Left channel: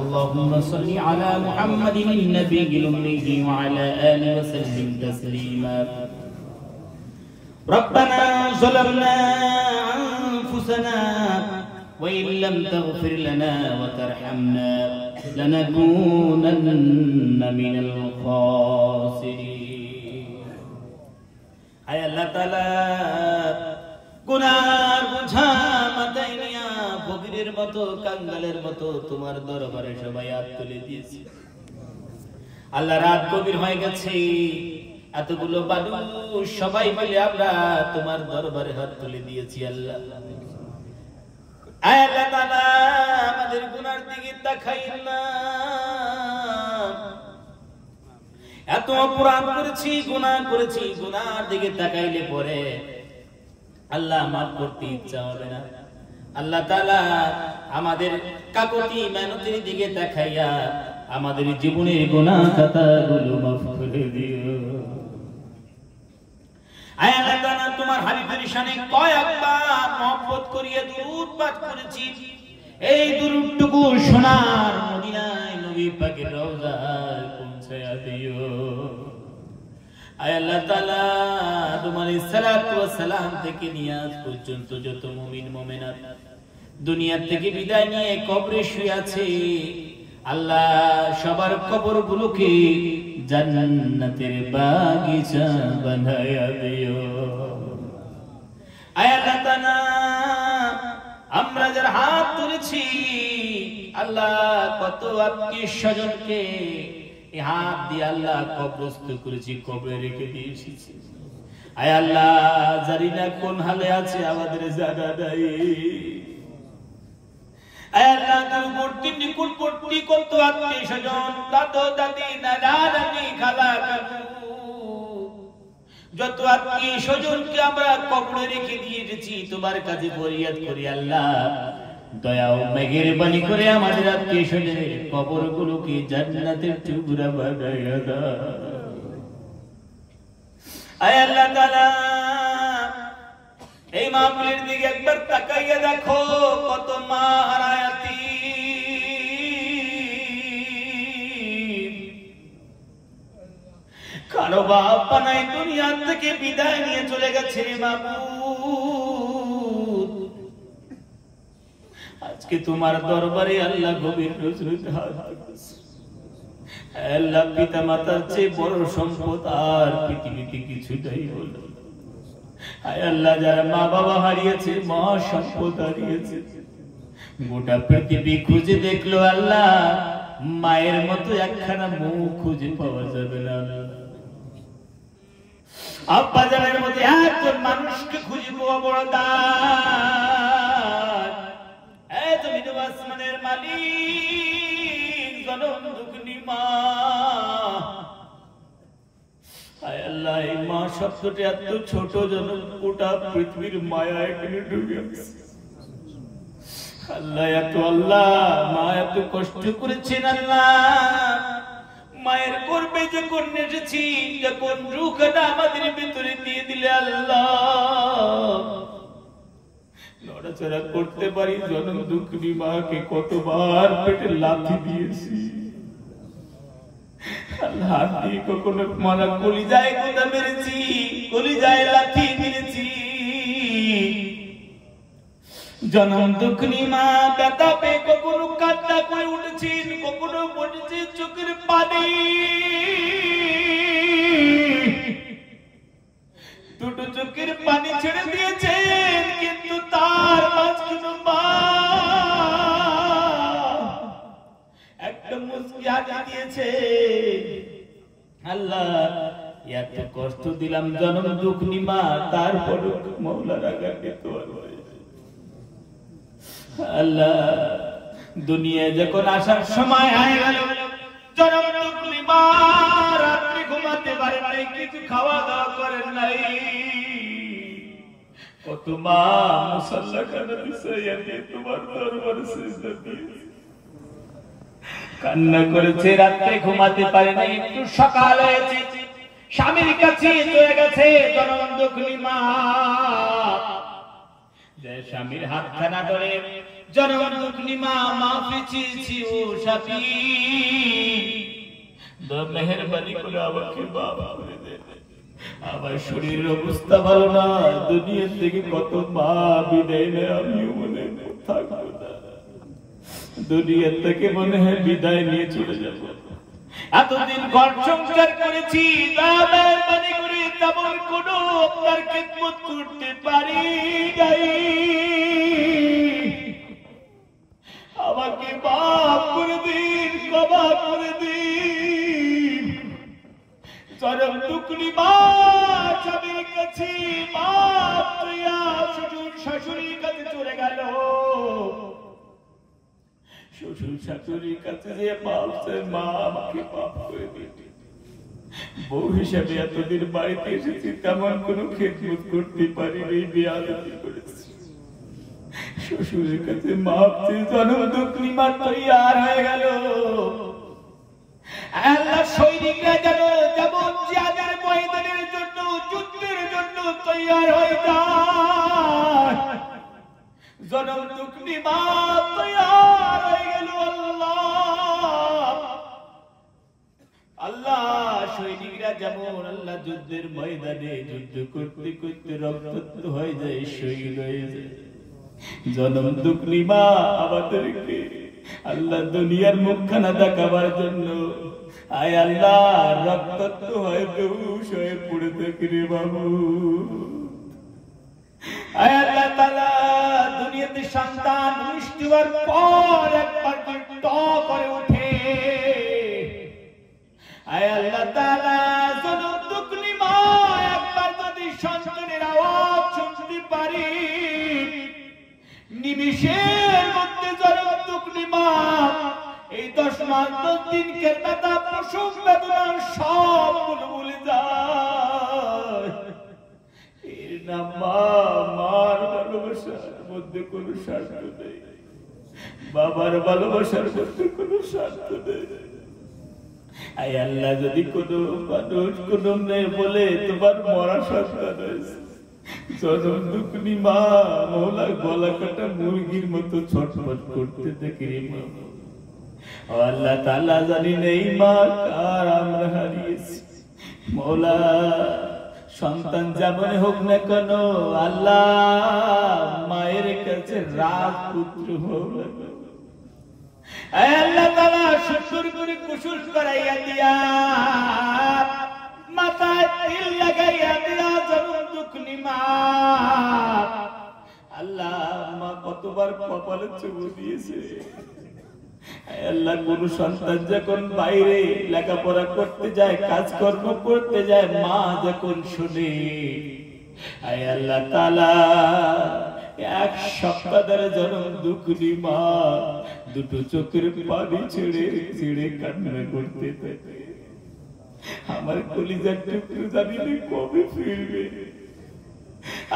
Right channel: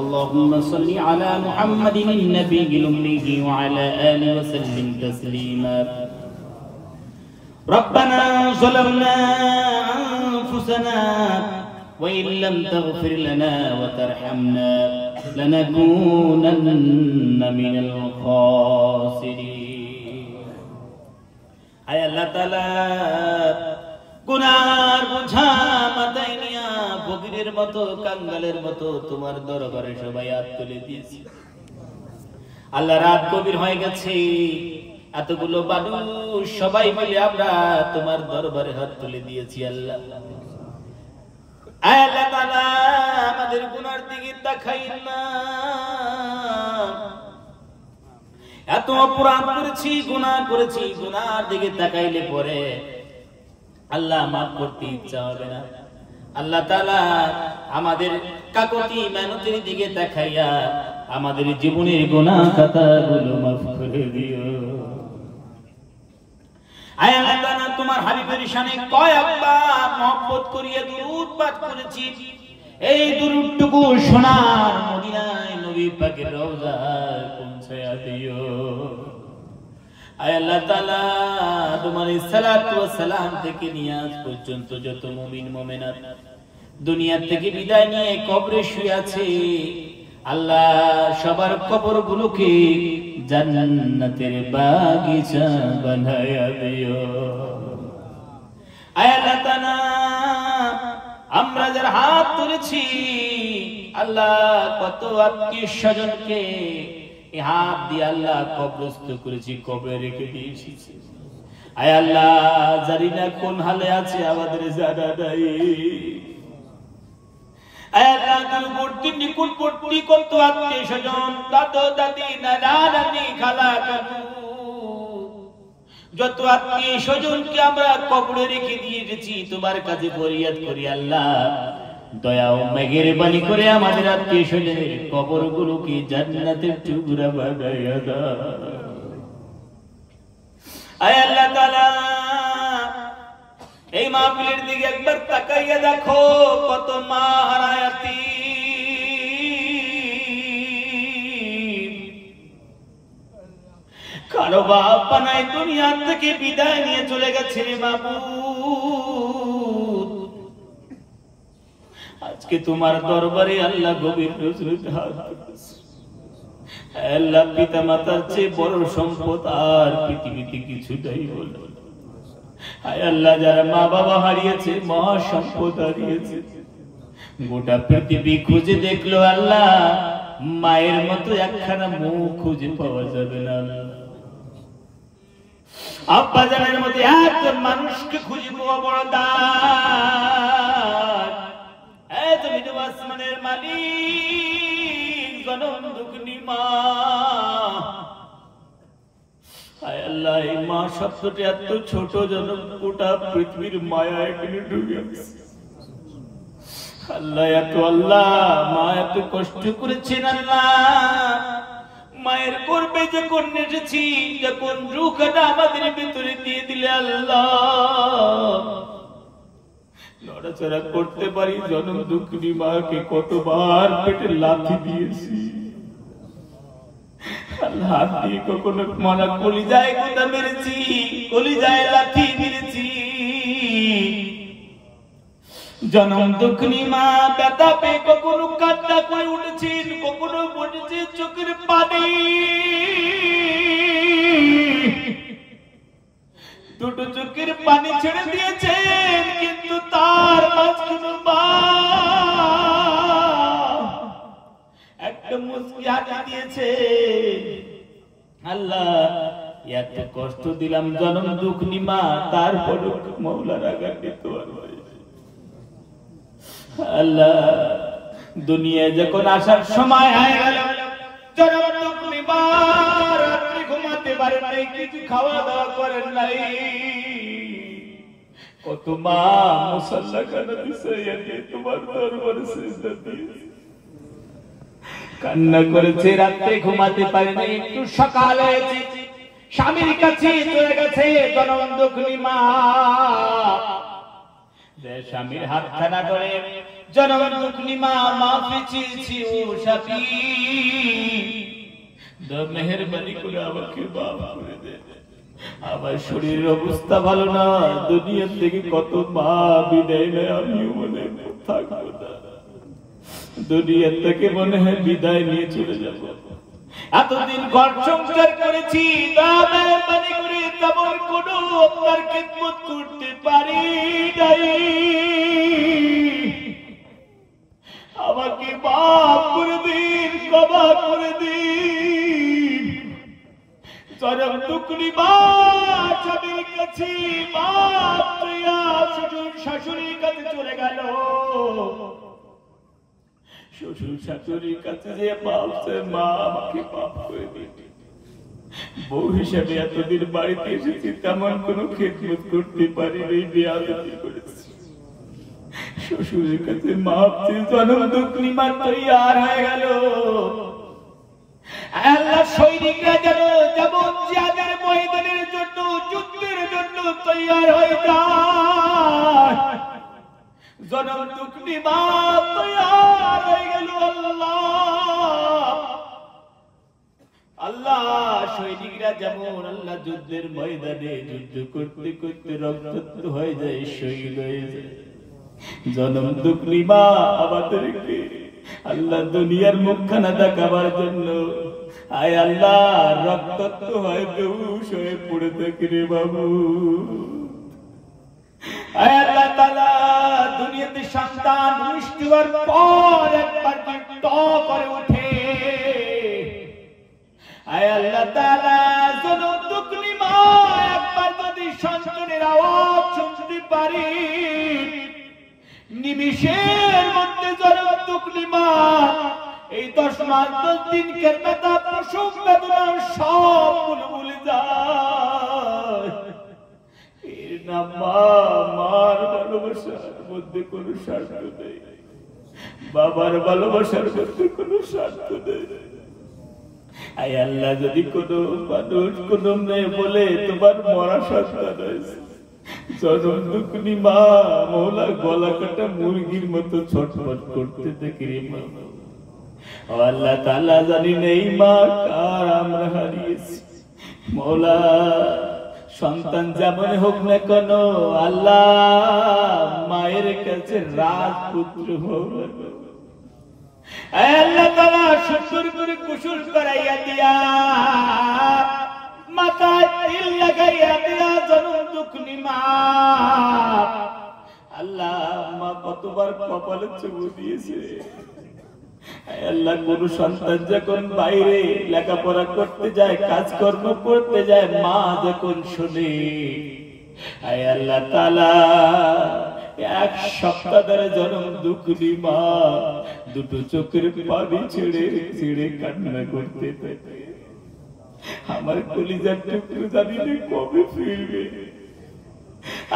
اللهم صل على محمد النبي الأمي وعلى آله وسلم تسليما ربنا ظلمنا أنفسنا وإن لم تغفر لنا وترحمنا لنكونن من الخاسرين أي الله تعالى গুনার বোঝা মাথায় নিয়া ফকিরের মতো কাঙ্গালের মতো তোমার দরবারে সবাই হাত তুলে দিয়েছি আল্লাহ। রাত গভীর হয়ে গেছে, এতগুলো মানুষ সবাই মিলে আমরা তোমার দরবারে হাত তুলে দিয়েছি আল্লাহ। আল্লাহ তাআলা আমাদের গুনার দিকে তাকাইন না। এত অপরাধ করেছি, গুনাহ করেছি, গুনার দিকে তাকাইলে পরে আল্লাহ মাফ করতে ইচ্ছা হবে না। আল্লাহ তাআলা আমাদের কাকুতি মেহনতের দিকে তাকাইয়া আমাদের জীবনের গুনাহ খাতাগুলো মাফ করে দিও। আয় আল্লাহ তাআলা তোমার হাবিবের শানে কয়েকবার মহব্বত করিয়ে দুরূদ পাঠ করেছি, এই দুরূদটুকু সোনার মদিনায় নবী পাকের রওজায় পৌঁছায়া দিও। আয় আল্লাহ তাআলা তোমার সালাতু ওয়াস সালাম থেকে নিয়ে আজ পর্যন্ত যত মুমিন মুমিনাত দুনিয়া থেকে বিদায় নিয়ে কবরে শুয়ে আছে আল্লাহ, সবার কবরগুলোকে জান্নাতের বাগিচা বানায়া দিও। আয় আল্লাহ তাআলা আমরা যারা হাত তুলেছি আল্লাহ, কত আত্মীয় স্বজনকে এই হাত দিয়ে আল্লাহ কবরস্থ করেছি, কবরে রেখে দিয়েছি। আয় আল্লাহ জানি না কোন হালে আছে, আমাদের জানা নাই। আয় আল্লাহ দূরবর্তী নিকটবর্তী কত আত্মীয় স্বজন, দাদু দাদি নানা নানি খালা কাকু যত আত্মীয় স্বজনকে আমরা কবরে রেখে দিয়েছি, তোমার কাছে ফরিয়াদ করি আল্লাহ দয়া ও মেহেরবানি করে আমাদের আত্মীয় স্বজনের কবরগুলোকে জান্নাতের টুকরা বানাইয়া দাও। আয় আল্লাহ তাআলা এই মাহফিলের দিকে একবার তাকাইয়া দেখো, কত মা হারায়াতি, কারো বাপ নাই দুনিয়া থেকে বিদায় নিয়ে চলে গেছে রে মাবুদ। আজকে তোমার দরবারে আল্লাহ গভীর নজরে হাত তুলেছি। আল্লাহ পিতা মাতার চেয়ে বড় সম্পদ আর পৃথিবীতে কিছু নাই বলো। আয় আল্লাহ যারা মা বাবা হারিয়েছে, মা সম্পদ হারিয়েছে, গোটা পৃথিবী খুঁজে দেখলো আল্লাহ, মায়ের মতো একখানা মুখ খুঁজে পাওয়া যাবে না। আব্বা জানের মধ্যে একজন মানুষকে খুঁজে পাওয়া বড় দান। তুমি তো আসমানের মালিক, জনম দুঃখী মা। আয় আল্লাহ এই মা শব্দটি এত ছোট যেন গোটা পৃথিবীর মায়া এখানে ঢুকে গেছে। আল্লাহ এত আল্লাহ মা এত কষ্ট করেছেন আল্লাহ, মায়ের গর্ভে যখন এসেছি, যখন রূহটা আমাদের ভিতরে দিয়ে দিলে আল্লাহ, নড়াচড়া করতে পারি, জনম দুঃখিনী মাকে কতবার পেটে লাথি দিয়েছি আল্লাহ, হাত দিয়ে কখনো মালা কলিজায় কোথা মেরেছি, কলিজায় লাথি মেরেছি। জনম দুঃখিনী মা ব্যথা পেয়ে কখনো কান্না করে উঠেছেন, কখনো বলেছে চোখের পানি, দুটো চোখের পানি ছেড়ে দিয়েছেন, কিন্তু তার মাঝখানে মা একটা মুচকি হাসি দিয়েছে। আল্লাহ এত কষ্ট দিলাম জনম দুঃখিনী মা, তারপর মওলা রাগান্বিত হয়। আল্লাহ দুনিয়ায় যখন আসার সময় হয়ে গেল, জনম দুঃখিনী মা রাত্রে ঘুমাতে পারে নাই, কিছু খাওয়া দাওয়া করেন নাই। কত মা মুসাল্লা খানা বিছাইয়া দিয়ে তোমার দরবারে সিজদা দিয়েছে, কান্না করেছে, রাত্রে ঘুমাতে পারে নাই। একটু সকাল হয়েছে, স্বামীর কাছে চলে গেছে জনম দুঃখিনী মা। যে স্বামীর হাত খানা করে জনগণ দুঃখনি মা মাফি চেয়েছি ও সাথী, মেহেরবানি করে আমাকে মাফ করে দে। আমার শরীরের অবস্থা ভালো না, দুনিয়া থেকে কত মা বিদায় নেয়, আমিও মনে থাকবো না, দুনিয়া থেকে মনে হয় বিদায় নিয়ে চলে যাব। এতদিন ঘর সংসার করেছি, মেহেরবানি করে তেমন কোনো আপনার খিদমত করতে পারি নাই, আমাকে মাফ করে দিন, ক্ষমা করে দিন। চরম টুকরি মা স্বামীর কাছে মাপ চাইয়া শ্বশুর শাশুড়ির কাছে চলে গেল, শ্বশুর শাশুড়ির কাছে যে মাপ চায়, মা আমাকে মাফ করে দিন। বউ হিসাবে এতদিন বাড়িতে এসেছি, তেমন কোনো খেদমত করতে পারিনি, বেয়াদবি করেছি। শ্বশুরের কাছে মাপ চেয়ে জনম দুঃখনি মা তৈয়ার হয়ে গেল। আল্লাহ সৈনিকরা যেন যেমন জিহাদের ময়দানের জন্য, যুদ্ধের জন্য তৈয়ার হয়ে যায়, জনম দুঃখনি মা তৈয়ার হয়ে গেল। আল্লাহ সৈনিকরা যেমন আল্লাহ যুদ্ধের ময়দানে যুদ্ধ করতে করতে রক্তাক্ত হয়ে যায়, শহীদ হয়ে যায়, জনম দুঃখনি মা আমাদেরকে আল্লাহ দুনিয়ার মুখখানা দেখাবার জন্য আয় আল্লাহ রক্তাক্ত হয়ে বেহুশ হয়ে পড়ে থাকে রে বাবু। আয় আল্লাহ তাআলা দুনিয়াতে সন্তান মিষ্টি হওয়ার পর একবার ট করে ওঠে, আয় আল্লাহ তাআলা জনম দুঃখনি মা একবার যদি সন্তানের আওয়াজ শুনতে পারি, নিমিষের মধ্যে জনম দুঃখনি মা এই 10 মাস 10 দিন ব্যথা প্রসব বেদনা সবগুলো ভুলে যায়। এর নাম মা, মার ভালোবাসার মধ্যে কোনো স্বার্থ নেই, বাবার ভালোবাসার মধ্যে কোনো স্বার্থ নেই। আয় আল্লাহ যদি কোনো মানুষ কোনো মেয়ে বলে তোমার মরা সন্তান হয়েছে, জনম দুঃখনি মা মৌলা গলা কাটা মুরগির মতো ছটফট করতে দেখি রে মা। ও আল্লাহ তাআলা জানি নেই মা কার আমরা হারিয়েছি, মৌলা সন্তান যেমন হোক না কেন আল্লাহ মায়ের কাছে রাজপুত্র হোক, আল্লাহ তাআলা সুন্দর করে কুশল করাইয়া দিয়া, মাথায় তিল লাগাইয়া দিয়া জনম দুঃখনি মা। আল্লাহ মা কতবার কপালে চুমু দিয়েছে। আল্লাহ কোন সন্তান যখন বাইরে লেখাপড়া করতে যায়, কাজকর্ম করতে যায়, মা যখন শুনে, আয় আল্লাহ তাআলা 1 সপ্তাহ ধরে জনম দুঃখনি মা দুটো চোখের পানি ছেড়ে ছেড়ে কান্না করতে থাকে। আমার কলিজার টুকরো জানি না কবে ফিরবে।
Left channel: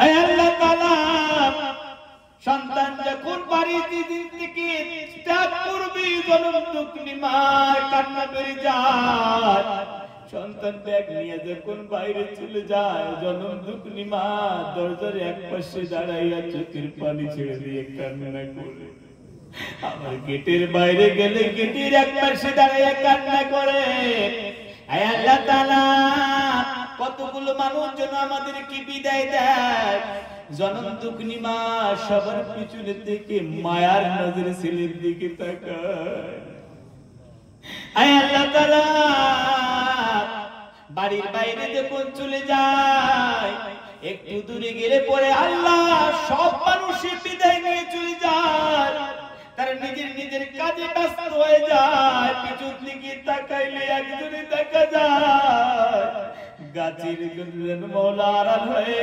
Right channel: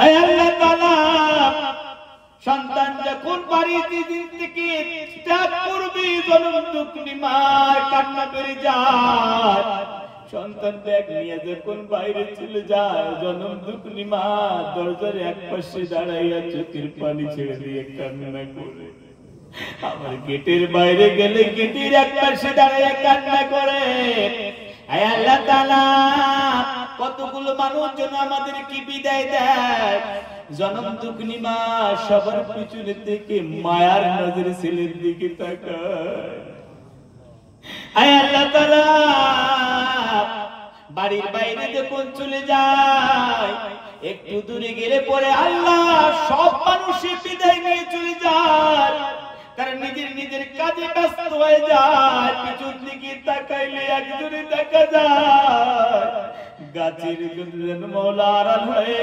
আয় আল্লাহ তাআলা সন্তান যখন বাড়িতে দিন থেকে ত্যাগ করবে, জনম দুঃখনি মা কান্না করে যায়। সন্তান ব্যাগ নিয়ে যখন বাইরে চলে যায়, জনম দুঃখনি মা দরজার এক পাশে দাঁড়াইয়া চোখের পানি ছেড়ে দিয়ে কান্না করে। আমার গেটের বাইরে গেলে গেটের এক পাশে দাঁড়াইয়া কান্না করে। আয় আল্লাহ তাআলা কতগুলো মানুষ যেন আমাদেরকে বিদায় দেয়, জনম দুঃখনি মা সবার পিছনে থেকে মায়ার নজরে ছেলের দিকে তাকায়। আয় আল্লাহ তাআলা বাড়ির বাইরে যখন চলে যায়, একটু দূরে গেলে পরে আল্লাহ সব মানুষের বিদায় নিয়ে চলে যায়, কারণ নিজের কাজে ব্যস্ত হয়ে যায়। পিছন দিকে তাকাইলে একজনে দেখা যায় গাছের জন্য মওলা আড়াল হয়ে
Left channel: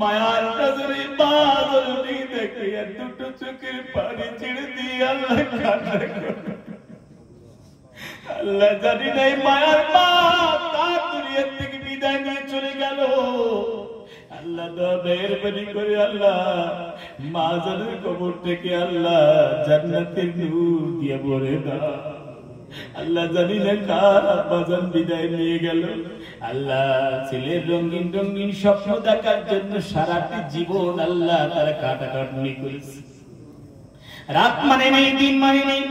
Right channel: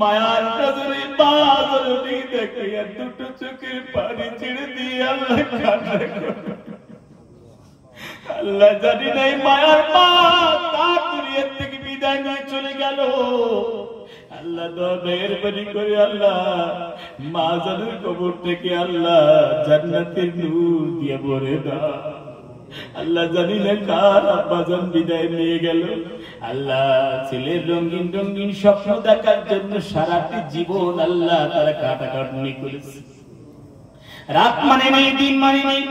মায়ার নজরে মা জননী দেখে দুটো চোখের পানি ছেড়ে দিয়ে আল্লাহ কান্না করে। আল্লাহ জানি নাই মায়ার মা তার দুনিয়া থেকে বিদায় নিয়ে চলে গেল। আল্লাহ দয়া মেহেরবানি করে আল্লাহ মা জানের কবর থেকে আল্লাহ জান্নাতের নূর দিয়ে ভরে দাও। আল্লাহ জানি না কার আব্বাজান বিদায় নিয়ে গেল। আল্লাহ ছেলের রঙিন রঙিন স্বপ্ন দেখার জন্য সারাটি জীবন আল্লাহ তারা কাটাকাটনি করেছে, রাত মানে নেই, দিন মানে নেই।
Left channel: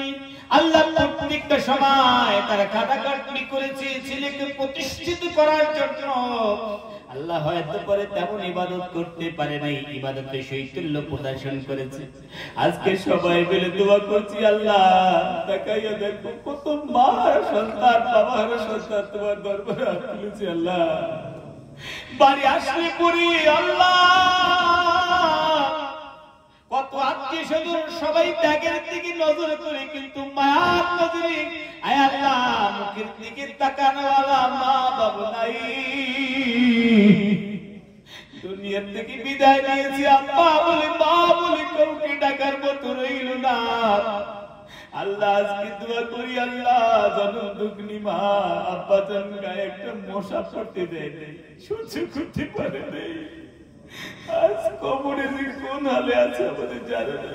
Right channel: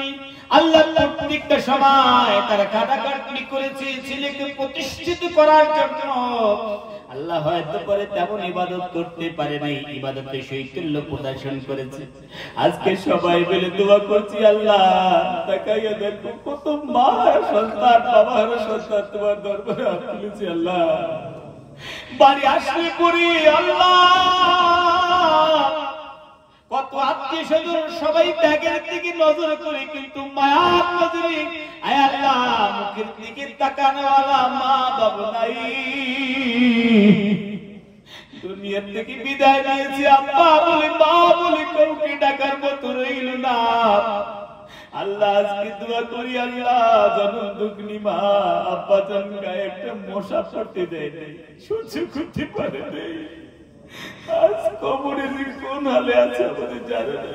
আল্লাহ প্রত্যেকটা সময় তারা কাটাকাটনি করেছে ছেলেকে প্রতিষ্ঠিত করার জন্য। আল্লাহ হয়তো করে তেমন ইবাদত করতে পারে নাই, ইবাদতে শৈথল্য প্রদর্শন করেছে। আজকে সবাই মিলে দোয়া করছি, আল্লাহ তাকাইয়া দেখো কত মা সন্তান, বাবার সন্তান তোমার দরবারে হাত তুলেছে। আল্লাহ বাড়ি আসলে করি আল্লাহ কত আত্মীয় স্বজন সবাই ত্যাগের দিকে নজর করে, কিন্তু মায়ার নজরে আয় আল্লাহ মুখের দিকে তাকানোওয়ালা মা বাবা নাই। দুনিয়ার থেকে বিদায় নিয়েছি, আব্বা বলে মা বলে কাউকে ডাকার মতো রইল না। আল্লাহ আজকে দোয়া করি, আল্লাহ জনম দুঃখনি মা আব্বা জান গায়ে একটা মশা পড়তে দেয় নাই, সহ্য করতে পারে নাই। আজ কবরে কোন হালে আছে আমাদের জানে না।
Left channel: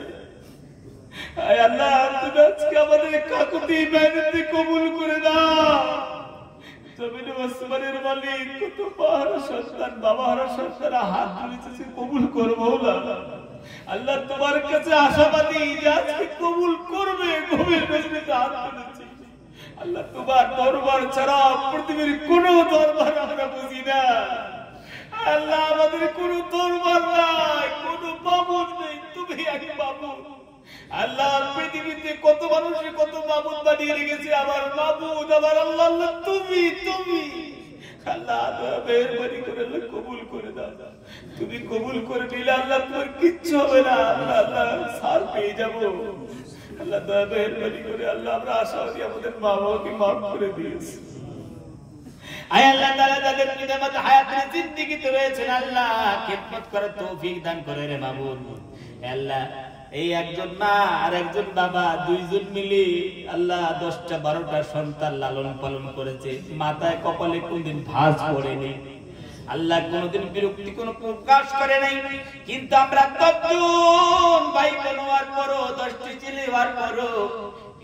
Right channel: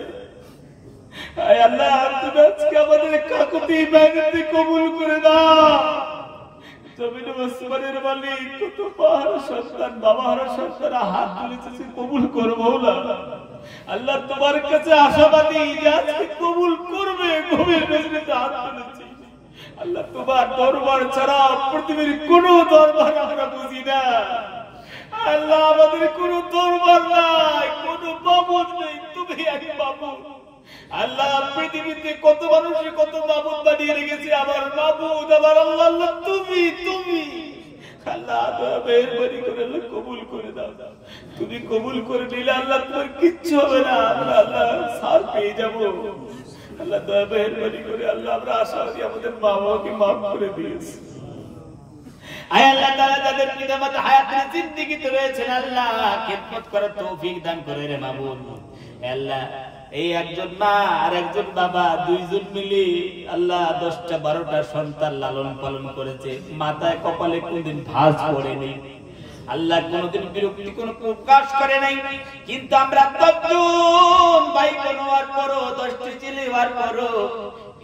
আয় আল্লাহ তুমি আজকে আমাদের কাকুতি মেহনতি কবুল করে দাও। জমিনে আসমানের মালিক কত পাহাড় সন্তান, বাবার সন্তান হাত তুলেছে, কবুল করো মওলা। আল্লাহ তোমার কাছে আশাবাদী যে আজকে কবুল করবে, গভীর মেজরিতে হাত তুলেছে। আল্লাহ তোমার দরবার ছাড়া পৃথিবীর কোন দরবার আমরা বুঝি না। আল্লাহ আমাদের কোন দরবার নাই, কোন মাবুদ নেই, তুমি এক মাবুদ। আল্লাহ পৃথিবীতে কত মানুষে কত মাবুদ বানিয়ে রেখেছে, আমার মাবুদ আমার আল্লাহ আল্লাহ তুমি তুমি। আল্লাহ মেহেরবানি করে আল্লাহ কবুল করে দাও। তুমি কবুল করে নিলে আল্লাহ তোমার কিচ্ছু হবে না, আমরা আল্লাহ সার পেয়ে যাবো। আল্লাহ মেহেরবানি করে আল্লাহ আমরা আশাবাদী আমাদের মা বাবাকে মাফ করে দিয়েছি। আয় আল্লাহ তাআলা যাদের পিতামাতা হায়াতের জিন্দেগিতে রয়েছেন আল্লাহ খেদমত করার তৌফিক দান করে রে মাবুদ। আল্লাহ এই একজন মা আর একজন বাবা দুইজন মিলে আল্লাহ 10টা 12টা সন্তান লালন পালন করেছে, মাথায় কপালে কোনদিন ভাঁজ পড়েনি। আল্লাহ কোনদিন বিরক্তি কোন প্রকাশ করে নাই। কিন্তু আমরা 10জন ভাই বোন হওয়ার পরও 10টি ছেলে হওয়ার পরও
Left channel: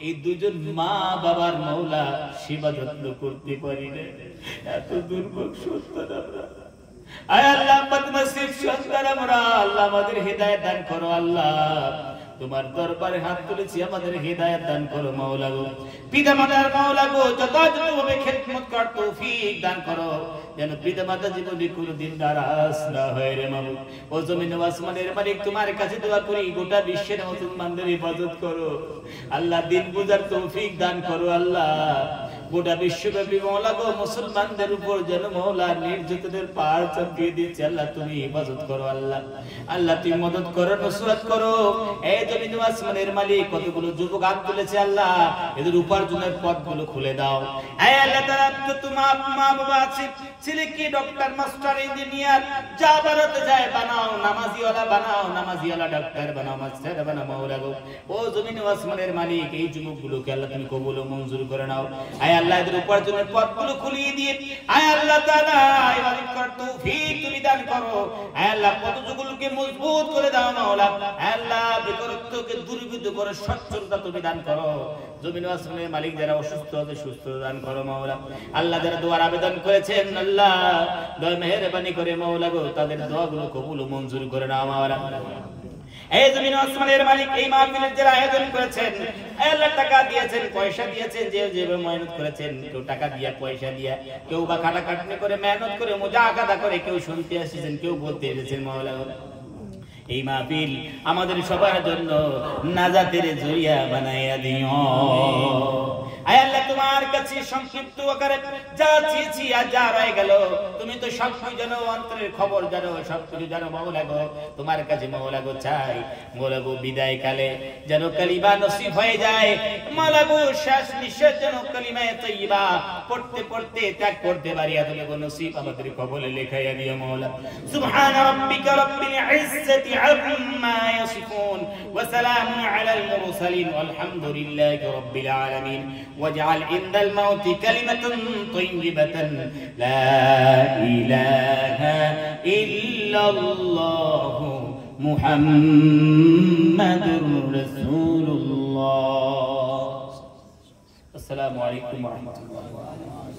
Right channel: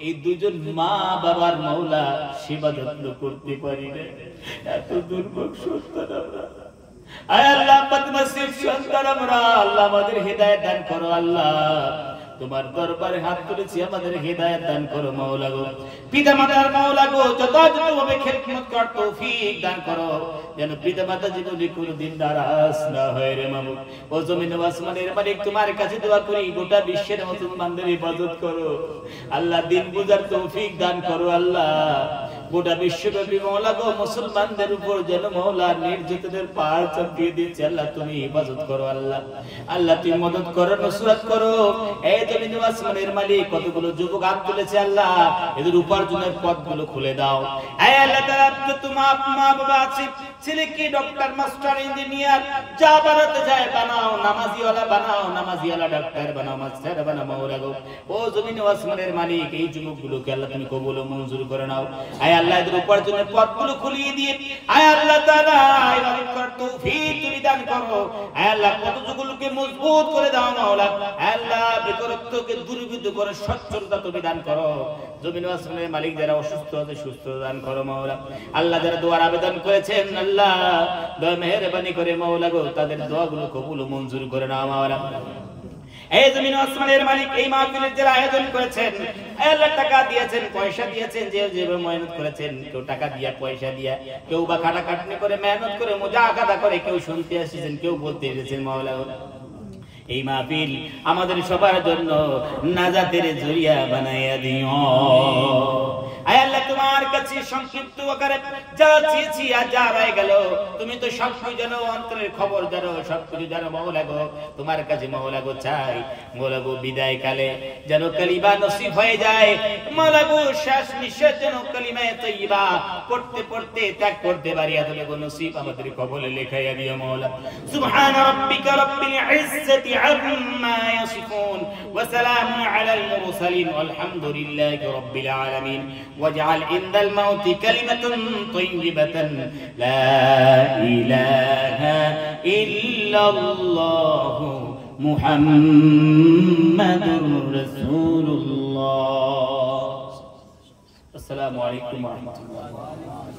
এই দুজন মা বাবার মওলা সেবা যত্ন করতে পারি না। এত দুর্ভোগ সন্তান আমরা। আয় আল্লাহ বদনসিব সন্তান আমরা, আল্লাহ আমাদের হেদায়েত দান করো। আল্লাহ তোমার দরবারে হাত তুলেছি, আমাদের হেদায়েত দান করো মাওলা গো। পিতা মাতার মাওলা গো যথাযথভাবে খেদমত করার তৌফিক দান করো, যেন পিতা মাতা জীবনে কোনদিন নারাজ না হয় রে মাবুদ। ও জমিন ও আসমানের মালিক তোমার কাছে দোয়া করি, গোটা বিশ্বের মুসলমানদের ইবাদত করো আল্লাহ, দিন বুঝার তৌফিক দান করো আল্লাহ। গোটা বিশ্বব্যাপী মওলা গো মুসলমানদের উপর যেন মওলা নির্যাতনের পাহাড় চাপিয়ে দিচ্ছে, আল্লাহ তুমি ইবাদত করো আল্লাহ। আল্লাহ তুমি মদদ করো, নসরত করো। এই জমিন ও আসমানের মালিক কতগুলো যুবক হাত তুলেছে আল্লাহ, এদের উপার্জনের পথগুলো খুলে দাও। এই আল্লাহ তাআলা তোমার মা বাবা আছে, ছেলে কি ডক্টর মাস্টার ইঞ্জিনিয়ার যা বানাতে যায় বানাও, নামাজিওয়ালা বানাও, নামাজিওয়ালা ডাক্তার বানাও, মাস্টার বানাও মাওলা গো। ও জমিন ও আসমানের মালিক এই যুবকগুলোকে আল্লাহ তুমি কবুল ও মঞ্জুর করে নাও। আয় আল্লাহ এদের উপার্জনের পথগুলো খুলিয়ে দিয়ে আয় আল্লাহ তাআলা ইবাদত করার তৌফিক তুমি দান করো। আয় আল্লাহ কতগুলোকে মজবুত করে দাও মাওলা। আয় আল্লাহ বেকারত্বকে দূরীভূত করে সচ্ছলতা তুমি দান করো। জমিন ও আসমানের মালিক যারা অসুস্থ আছে সুস্থ দান করো মাওলা। আল্লাহ যারা দোয়ার আবেদন করেছেন আল্লাহ দয়া মেহেরবানি করে মাওলা গো তাদের দোয়াগুলো কবুল ও মঞ্জুর করে নাও মাওলা। এই জমিন ও আসমানের মালিক এই মাহফিলের যারা আয়োজন করেছেন আল্লাহ টাকা দিয়েছেন, পয়সা দিয়েছেন, যে যেভাবে মেহনত করেছেন, কেউ টাকা দিয়া পয়সা দিয়া, কেউ বা খাটাখাটনি করে মেহনত করে মুজাহাদা করে, কেউ শুনতে এসেছেন, কেউ বলতে এসেছেন মাওলা। এই মাহফিল আমাদের সবার জন্য নাজাতের জরিয়া বানাইয়া দিও। আয় আল্লাহ তোমার কাছে সংক্ষিপ্ত আকারে যা চেয়েছি আর যা রয়ে গেল, তুমি তো সবকিছু জানো, অন্তরের খবর জানো, সবকিছু জানো মাওলা গো। তোমার কাছে মাওলা গো চাই মাওলা গো বিদায় কালে যেন কালিমা নসিব হয়ে যায় মাওলা গো, শেষ নিঃশ্বাস যেন কালিমায়ে তাইয়্যিবা পড়তে পড়তে ত্যাগ করতে পারি, এত গো নসিব আমাদের কবলে লেখাইয়া দিও মাওলা। সুবহান রাব্বিকা রাব্বিল ইজ্জাতি আম্মা ইয়াসিফুন ওয়া সালামুন আলাল মুরসালিন ওয়ালহামদুলিল্লাহি রাব্বিল আলামিন। واجعل عند الموت كلمة طيبة لا إله إلا الله محمد رسول الله। আসসালামু আলাইকুম ওয়া রাহমাতুল্লাহ।